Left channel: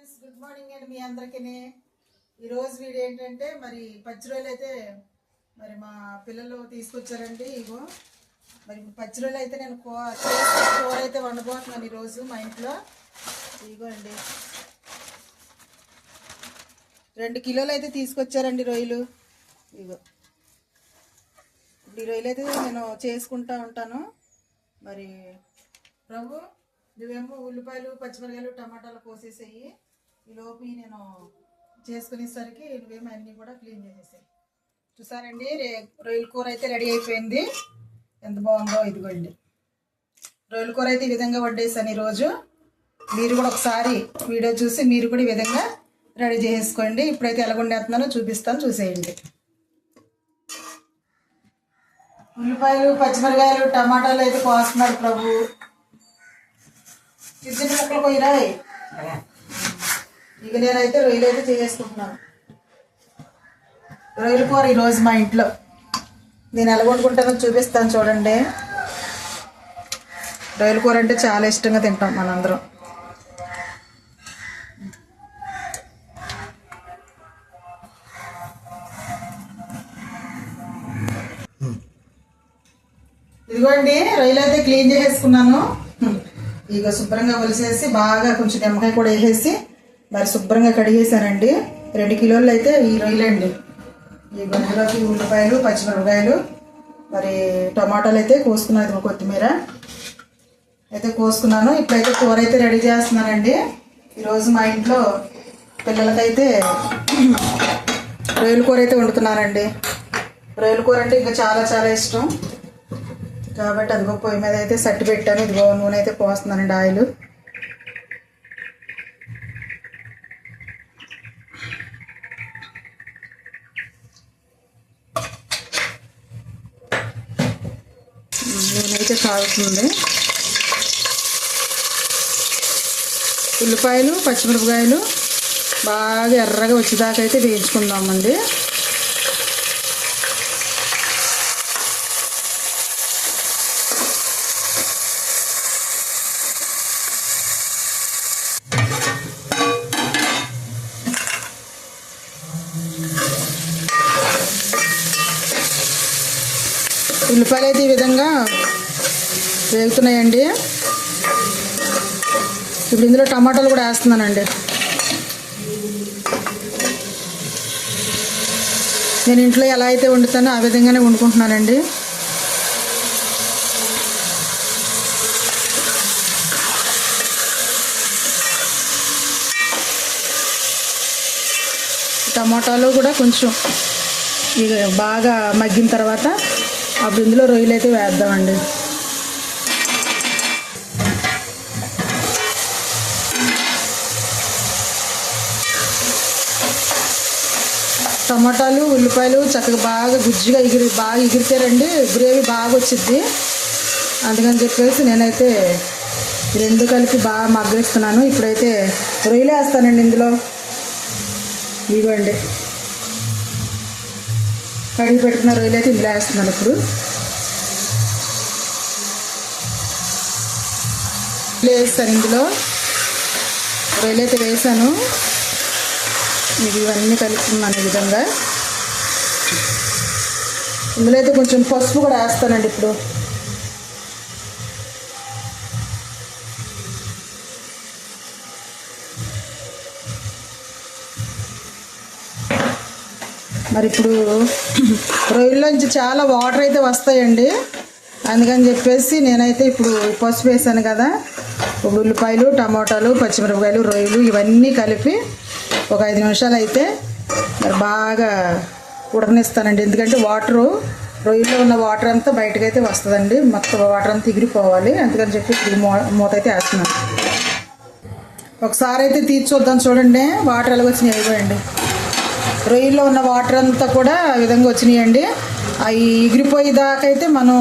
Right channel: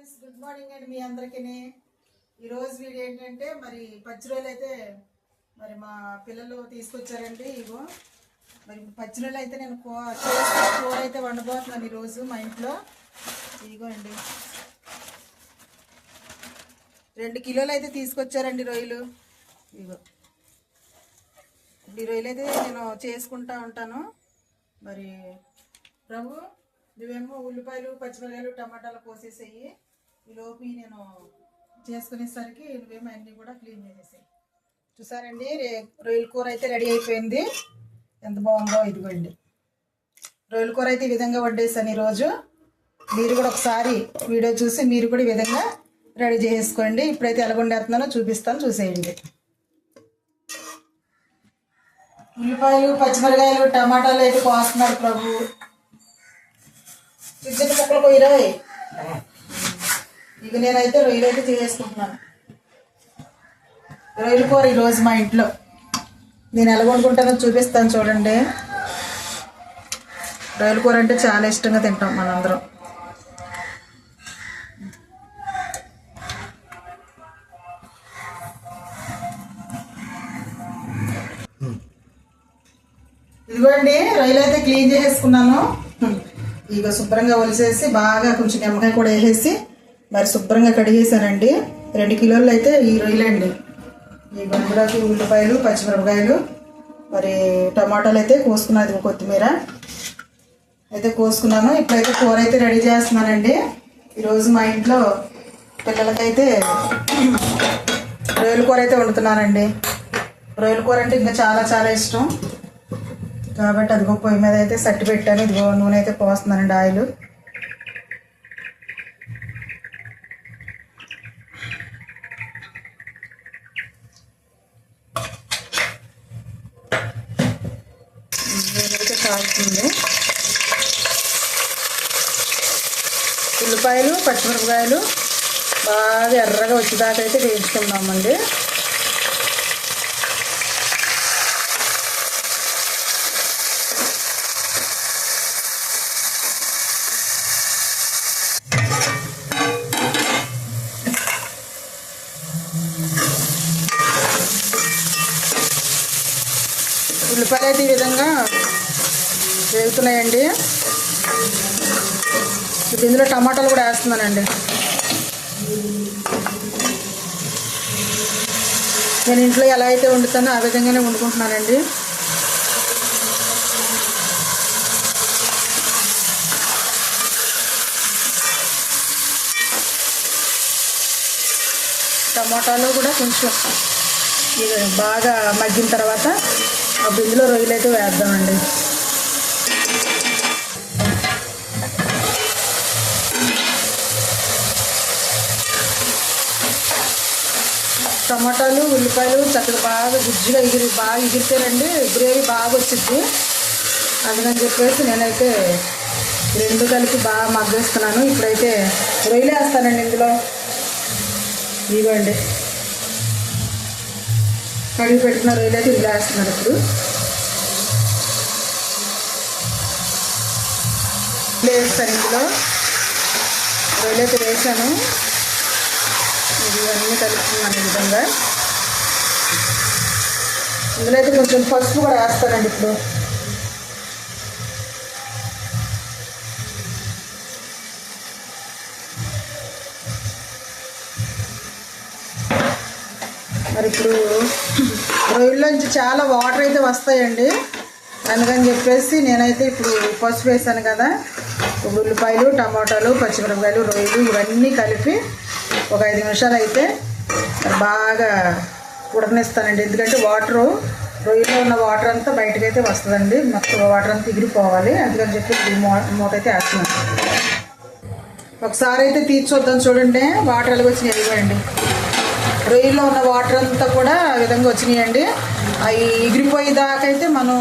Friends good morning అండి మీ అందరికీ ఈరోజు వీడియో ఏంటంటే మరి పచ్చి అయితే మరి మా పిల్లలు తీసుకొచ్చారండి ఇగో. మరి పచ్చి అయితే నేను కూర అయితే వండబోతున్నాను ఈరోజు మా ఇంట్లో. ఇగో అండి రెండు కిలోలు అయితే తీసుకొచ్చారండి రొయ్యలు. ఇగో. ఈ రొయ్యలు అయితే నేను చేసుకుంటా ఉంటాను. మరి ప్రభు నువ్వేమో ఉల్లిపాయలు పచ్చిమిరకాయలు టమాటాలు కోసేసేయి. ఈలోపు నేను చేసుకునేసరికి నువ్వేమో అన్నీ కూడా క్లీన్ చేసేసాయి. చూసారండి? రే రొయ్యల కూర అయితే రెడీ అయిపోయింది. ఎంత బాగుందో ఇదిగోండి. రొయ్యల కూర అయితే ఈ విధంగా వండేసాను ఈరోజు. మీరు కూడా ఒకసారి వీడియో చూసి మీరు కూడా ఈ విధంగా రెడీ చేసుకోండి. ఇప్పుడైతే ఎలా వండేస్తున్నానో చూపిస్తాను చూసేయండి. ఉల్లిపాయలు పచ్చిమిరకాయలు టమాటాలు అయితే కోస్తున్నాడు ప్రభు. చిన్న చిన్న ముక్కలు పోయిరాయి. ఇక నేనైతే రొయ్యలు అయితే చేసుకుంటున్నాను రొయ్యల కూర ఈరోజు మా ఇంట్లో. నేను ఎలా వండుకుంటానో చూపిస్తాను చూడండి. రొయ్యల కూర అంటే చాలా ఇష్టంగా తింటాం మనందరం. ఇదిగోండి రొయ్యలు అయితే క్లీన్ చేసేసుకున్నాను. ఇక శుభ్రంగా ఒలిసేసి బాగా కొంచెం నిమ్మకాయ కూడా వేసేసి మరి శుభ్రంగా కడిగేసానండి రెండు కిలోలు అయితే ఈ రొయ్యలండి ఈ గందులోకి ఉల్లిపాయలు పచ్చిమిరపకాయలు మరి టమాటాలు అయితే కోసుకున్నది కొత్తిమీర. అయితే కోసుకున్నాను. ఇప్పుడైతే కూర అయితే రెడీ చేస్తున్నానండి. ఈరోజు మా ఇంట్లో పిల్లలకైతే రొయ్యల కూర అయితే వండుతున్నానండి. రొయ్యల కూర అంటే ఇంకా చాలా చాలా ఇష్టం. కాబట్టి అదిగో పొయ్యి మీద అయితే సట్టి పెట్టాను. ఇదిగో నూనె అయితే పోస్తున్నానండి ఆయిల్ నూనె కాగుతుంది ఉల్లిపాయలు పచ్చిమిరపకాయలు బాగా ఎర్రగా వచ్చేదాకా అయితే వేయించుకుందామండి. ఉల్లిపాయలు అయితే ఈ విధంగా వేగుతున్నాయండి. ఇప్పుడు ఇందులో టమాటాలు కూడా వేస్తున్నానండి. నేను ఇంట్లో ఎలా అయితే వండుతానో ఆ విధంగానే వండుకుంటున్నానండి. టమాటాలు కూడా కొంచెం ఇది బాగా మగ్గిన తర్వాత అప్పుడు ఇందులో రొయ్యలు అయితే వేద్దామండి. టమాటాలు ఉల్లిపాయలు చక్కగా బాగా గుజ్జుగా ఎగిరి బాగా ఎగిరితేరండి గ్రేవీ బాగా వచ్చింది అందుకని చెప్పేసి నేనైతే రెండు కలిపి బాగా మగ్గేస్తున్నాను ఇప్పుడైతే రొయ్యలు వేస్తానండి ఇందులో. ఇవ్వండి కడిగి పెట్టుకున్న రొయ్యలు అయితే ఇందులో వేస్తున్నాను ఇప్పుడు. వేస్తాను ఇందులో. రొయ్యలు అయితే వేసాను. ఇది ఇవన్నీ కలుపుతున్నాను ఈ విధంగా. ఇందులో అయితే కొంచెం పసుపు కూడా వేస్తానండి ఇప్పుడు. మరి ఇప్పుడు రొయ్యల్లోంచి చాలా వాటర్ అయితే వస్తాయండి. అందుకని చెప్పేసి నేనైతే ఇప్పుడు పసుపు వేసాను కదా. ఉల్లిపాయలు టమాటాలు పచ్చిమిరపకాయలు రొయ్యలు ఇవన్నీ కలిపి ఒక ఐదు నిమిషాలు అయితే బాగా ఉడకనిస్తానండి. ఎందుకంటే వాటరు రొయ్యలో ఉన్న వాటర్ అంతా బయటకు అయితే వస్తుందండి. మొత్తం వాటర్ అంతా ఎగిరిపోవాలి. అందుకని చెప్పి మూత అయితే వేస్తున్నాను. ఒకసారి అయితే తీర్చి చూద్దాం చూడండి. వాటర్ ఎలా వచ్చినాయి ఇవ్వండి. రొయ్యలో ఉన్న వాటర్ అంతా కూడా ఆ విధంగా వచ్చినాయండి. అవి ఎగిరిపోయేదాకైతే మనం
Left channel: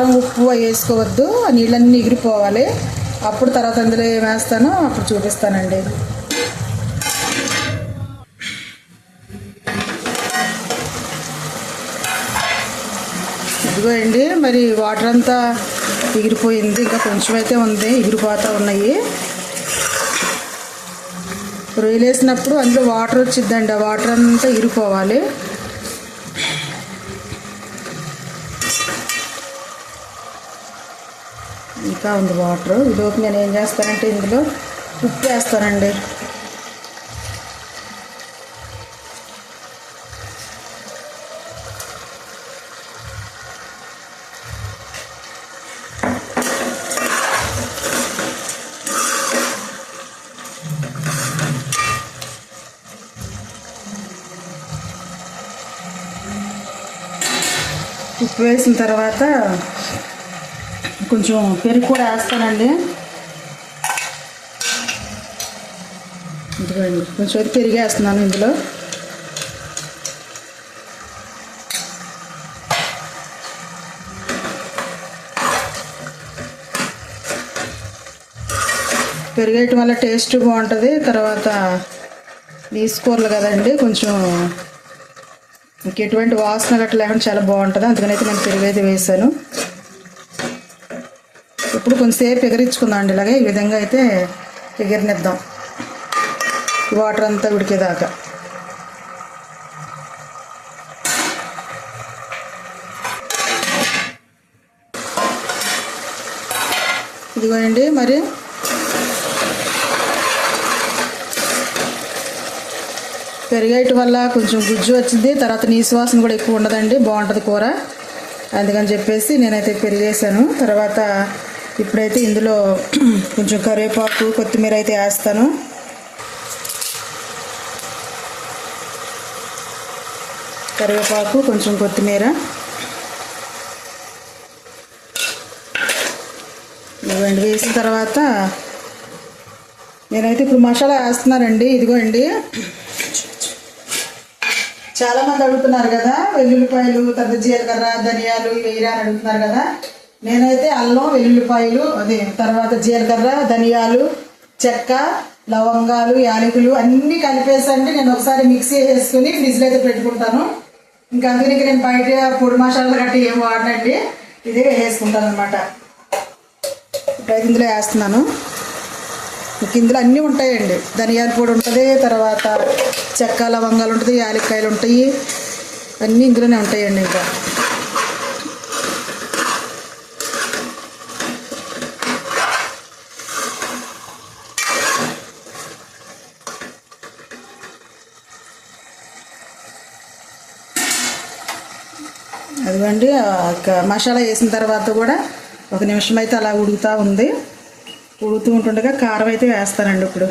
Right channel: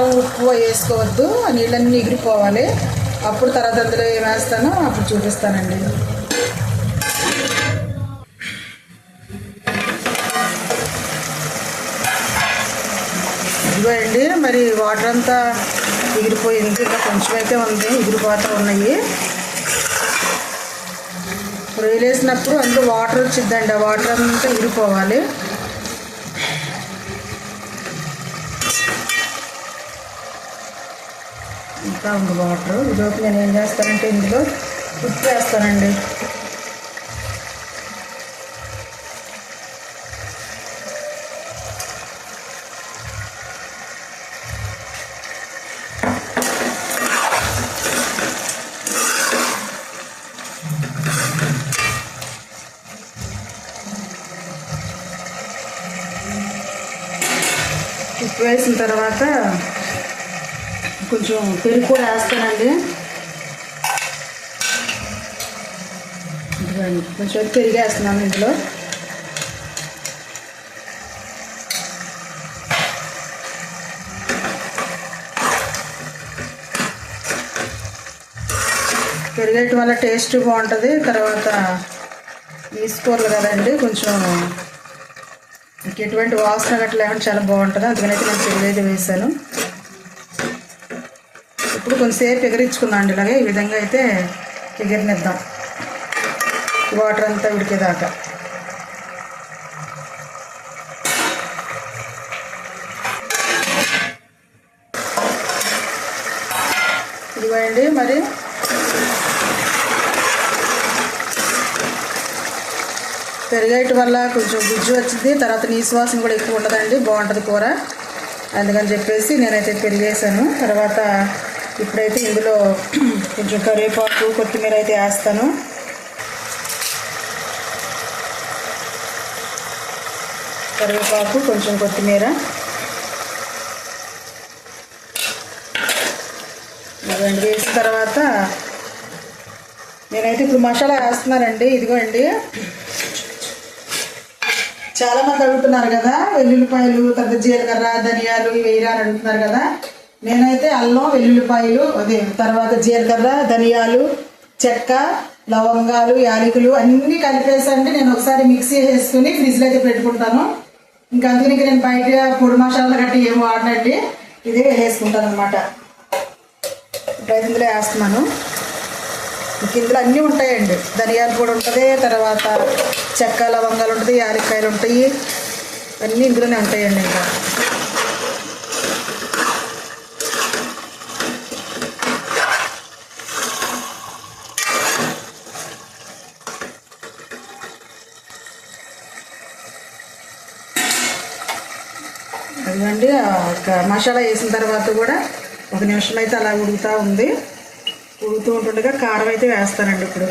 కారం ఉప్పు వేసుకోవద్దు నీళ్ళన్నీ ఎగిరిపోవాలి. అప్పుడు తర్వాత అందులో ఏం అప్పుడు చూపిస్తానండి. ఇదిగో అండి మరి వాటర్ అంతా ఎగిరిపోయింది. ఇంకా కొంచెం అయితే ఉంది ఎగిరిపోతూ ఉన్నాయి. రొయ్యలు వేసినప్పుడు అందులో వాటర్ వచ్చిద్దండి. ఆ వాటర్ అంతా ఎగిరిపోవాలి. ఇంకా ఉంది వాటర్. ఇదొక నేను ఏం చేస్తానంటే ఇందులో ఉప్పు వేస్తానండి. ఉప్పు వేసిన తర్వాత కొంచెం పెరుగు కూడా వేస్తానండి. ఇదిగోండి కొంచెం పెరిగి వేస్తున్నాను ఇందులో. పెరిగేయటం వల్ల టేస్ట్ బాగుంటుంది తర్వాత తీసుకోరు కదండి కొంచెం ఇంకెటువంటి వాసన గట్ల లేకుండా చాలా బాగుంటుంది. అందుకని అయితే నేను పెరుగు వేసాను ఇప్పుడు కొంతసేపు ఎగరించుకున్నాం అండి ఇలాగే. ఈ విధంగా అయితే ఎగిరినిద్దాం. వాటర్ అంతా ఉడికేదాకా. ఇదిగోండి మరి. పెరిగేయటం వల్ల కొంచెం గుజ్జు వచ్చింది. తర్వాత నీ వాసన కూడా ఎక్కువ ఉండదండి. బాగుంటుంది కూర. అందుకని చెప్పేసి నేనైతే పెరిగేసాను తర్వాత ఇప్పుడైతే ఇందులో కొంచెం కరివేపాకు కొత్తిమీర అయితే వేస్తాను. కరివేపాకు కొంచెం కొత్తిమీర. ఇవ్వండి వేసిన తర్వాత నేనైతే ఇప్పుడు మసాలా వేస్తున్నానండి ఇదిగోండి. చాలా మంది అడుగుతున్నారు కదా వెల్లుల్లిపాయలు తర్వాత జీలకర్ర ధనియాలు ఇవి వేయరా అని అడుగుతున్నారు కదా. నేనైతే అల్లం వెల్లుల్లిపాయలు అదే తర్వాత జీలకర్ర ధనియాలు చెక్క లవంగాలు యాలకులు అన్నీ కలిపేసండి నేను ఒకసారి మిక్సీ వేసుకుని ఫ్రిడ్జ్లో అయితే పెట్టుకుంటాను. ఇంకా అందుకని నేను బయట పొడి మసాలాలు గట్టి ఏం వాడనండి. ఇదే వేసుకుంటాను అనమాట ఇప్పుడైతే ఇందులో వేస్తున్నాను. ఇంక ఇందులో అన్నీ ఉంటాయండి. ధనియాల పొడి ఉంటుంది తర్వాత చెక్క లవంగాలు ఉంటుంది యాలక్కాయలు ఉంటాయి. అన్నీ ఇందులోనే ఉంటాయండి ఇంకా. ఇవ్వండి ఒక మసాలా వేసిన తర్వాత కూడా ఒక నిమిషం అయితే అలా ఉడుకుతూ ఉంది. ఉడుకుతూ ఉంటుండగా కారం అయితే వేస్తానండి ఇప్పుడు.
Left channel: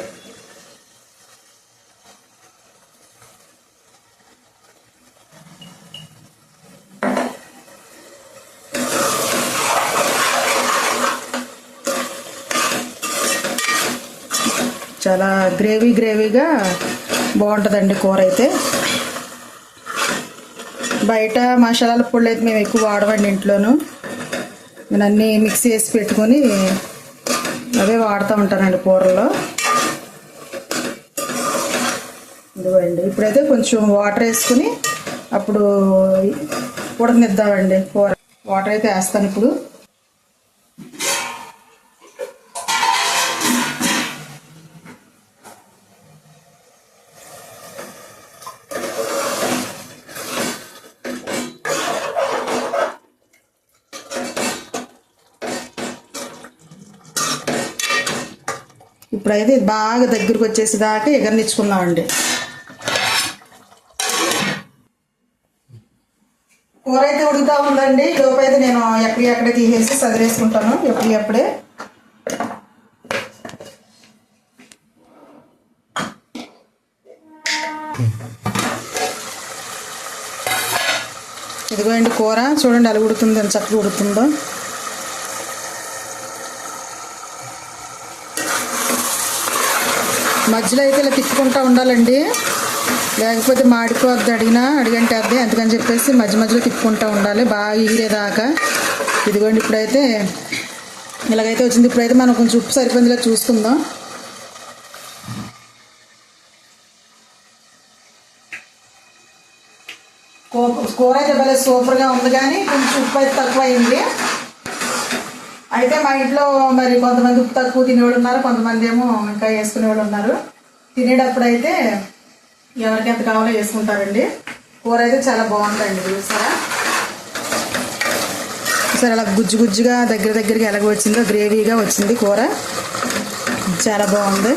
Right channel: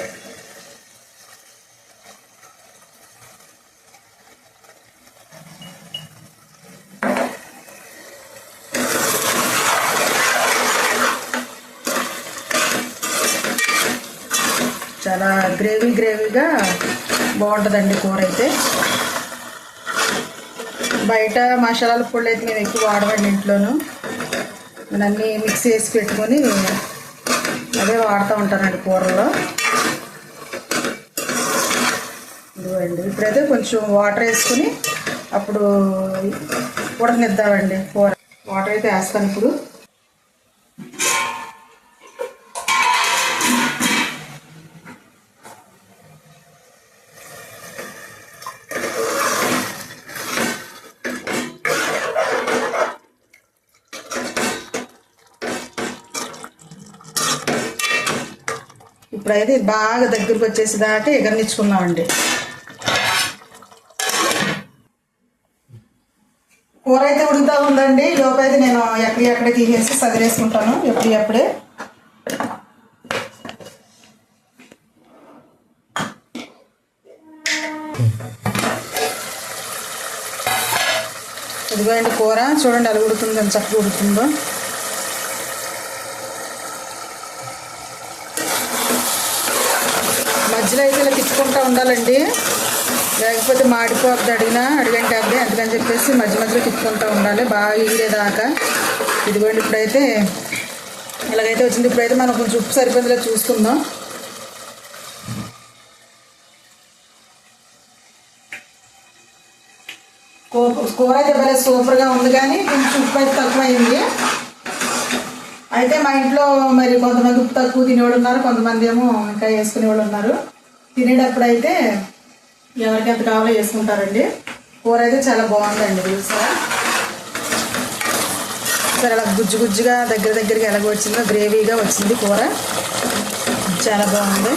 చాలా గ్రేవీ గ్రేవీగా బాగుంటుందండి కూర అయితే. బయట మసాలాల పొడి అయితే మేము ఎక్కువ వాడవండి ఇంట్లోనూ. నేను అన్నీ మిక్స్ చేసి పెట్టుకొని అవే వాడుతూ ఉంటానండి కూరలో ఇదిగోండి ఇప్పుడైతే కొంచెం వాటర్ వేసుకుని అప్పుడు ఉడకనిద్దామండి కూర. వాటర్ అయితే వేస్తాను ఇప్పుడు. ఇప్పుడైతే ఇది బాగా దగ్గరికి వచ్చేసేదాకా ఎగరనిచ్చుకుందామండి. కూర అయితే ఉడుకుతా ఉందండి. లోపు అయితే నేను ఎక్కడి ఎక్కడ తీసేసి సదిరేసుకుంటాను. ఎప్పుడు ఎప్పుడే. ఇదిగోండి కూర. చూడండి అలా ఉడుతుందో చక్కగా ఉడుతుందో మధ్యలో అయితే ఇలా తిప్పుకుంటూ ఉండాలండి. లేకపోతే మాడిపోద్ది అడిగినా అడిగంటే అందుకని చెప్పేసి మధ్య మధ్యలో తిప్పుకుంటూ ఉండాలి. బాగా ఎగిరేదాకా ఇదిగోండి ఇప్పుడైతే ఇలాగైతే వచ్చింది. ఇప్పుడైతే మనం కొంచెం ఉప్పు సరిపోయిందిలా చూసుకుందాం. కూ- కూర అయితే భలే సూపర్గా ఉంది కానీ కొంచెం ఉప్పు అయితే తక్కువ అయింది అయితే మా ఇంట్లో మరి కొంతమంది ఉప్పు తక్కువ తినేవాళ్ళు ఉన్నారు కొంతమంది ఏమో ఇంకా వేసుకునే వాళ్ళు ఉన్నారు. తినేటప్పుడు అయితే ఎవరికి ఎంత కావాలో వేసుకుంటారండి. కూర అయితే చాలా బాగుందండి చూసారా? సరే అలా గుజ్జు గుజ్జుగా దగ్గర దగ్గరికి ఎలాగ వచ్చిందో గ్రేవీగా వచ్చింది కూర. చాలా బాగుంది.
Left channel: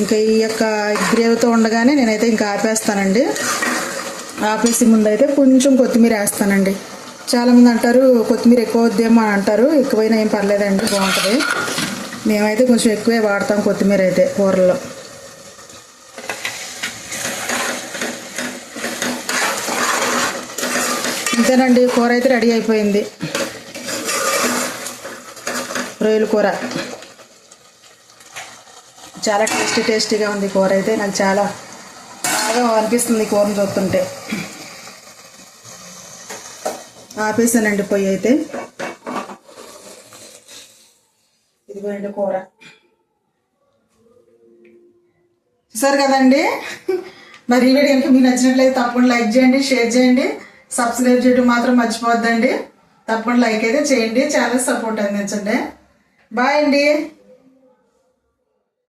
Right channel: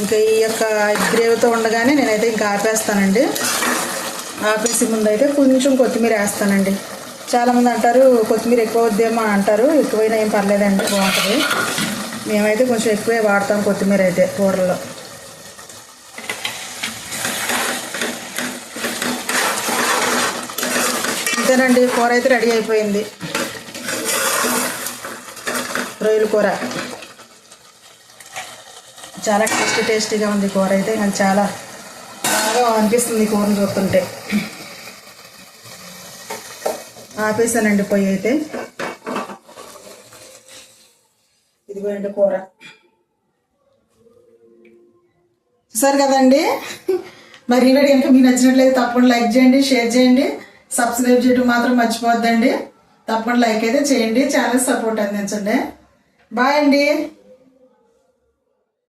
ఇంకా ఈ యొక్క గ్రేవీతో ఉండగానే నేనైతే ఇంకా ఆపేస్తానండి. ఆపేసి ముందు అయితే కొంచెం కొత్తిమీర వేస్తానండి. చాలామంది అంటారు కొత్తిమీర ఎక్కువ వద్దేమో అని అంటారు. ఎక్కువైనా ఏం పర్లేదండి బాగుంటుంది. మేమైతే కొంచెం ఎక్కువే వాడతాం కొత్తిమీర అయితే కూరల్లో. అంతేనండి కూర అయితే రెడీ అయిపోయింది. రొయ్యల కూర. చాలా టేస్టీ టేస్టీగా ఉంది కూర అయితే. నాకు చాలా బాగా అనిపిస్తుంది ఈ కూరను చూస్తుంటే. ఆపేసానండి పొయ్యి అయితే. ఇదిగోండి కూర. చూసారు కదండి? మరి ఈ వీడియో కనుక మీకు నచ్చినట్లయితే తప్పకుండా లైక్ చేయండి షేర్ చేయండి సబ్స్క్రైబ్ చేయడం మాత్రం మర్చిపోవద్దండి. తప్పకుండా లైక్ అయితే చేయండి ఛానల్ సపోర్ట్ అందించండి. బాయ్ అండి.